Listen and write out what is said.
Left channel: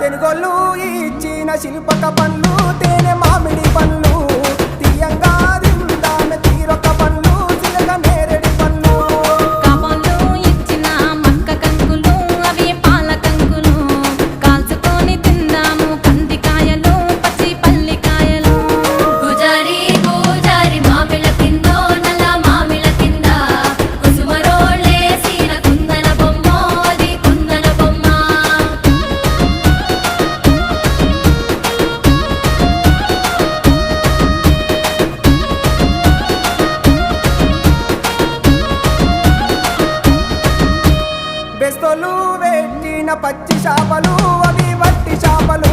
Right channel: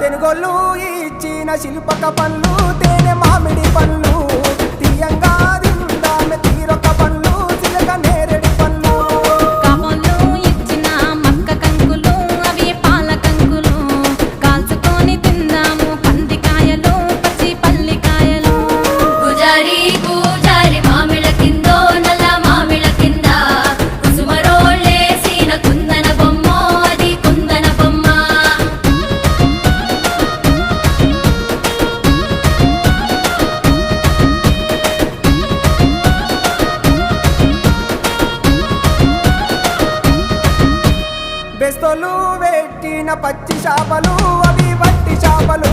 తెనుగోళ్ళు ఇచ్చిన శిల్పక పండ్లు తేనె మామిడి పండ్లు తీయంగా తిందామె తీరొక్క పండ్లు చిలక నేరేడు పండ్లు కాపంలో ఇచ్చిన మక్క కంకులు అవి పాల కంకులు కాల్చుకొని తిందాము కందికాయలు పచ్చి పల్లికాయలు గుజారి గుజారి మామిళ్ళ కిందో నల్ల మామిళ్ళ కింద కుసుమరోళ్ళేసిన కుందన బొమ్మ అది కుందన బొమ్మ బెస్తోలు పెట్టిన పచ్చి చేపలు అవి వట్టి చేపలు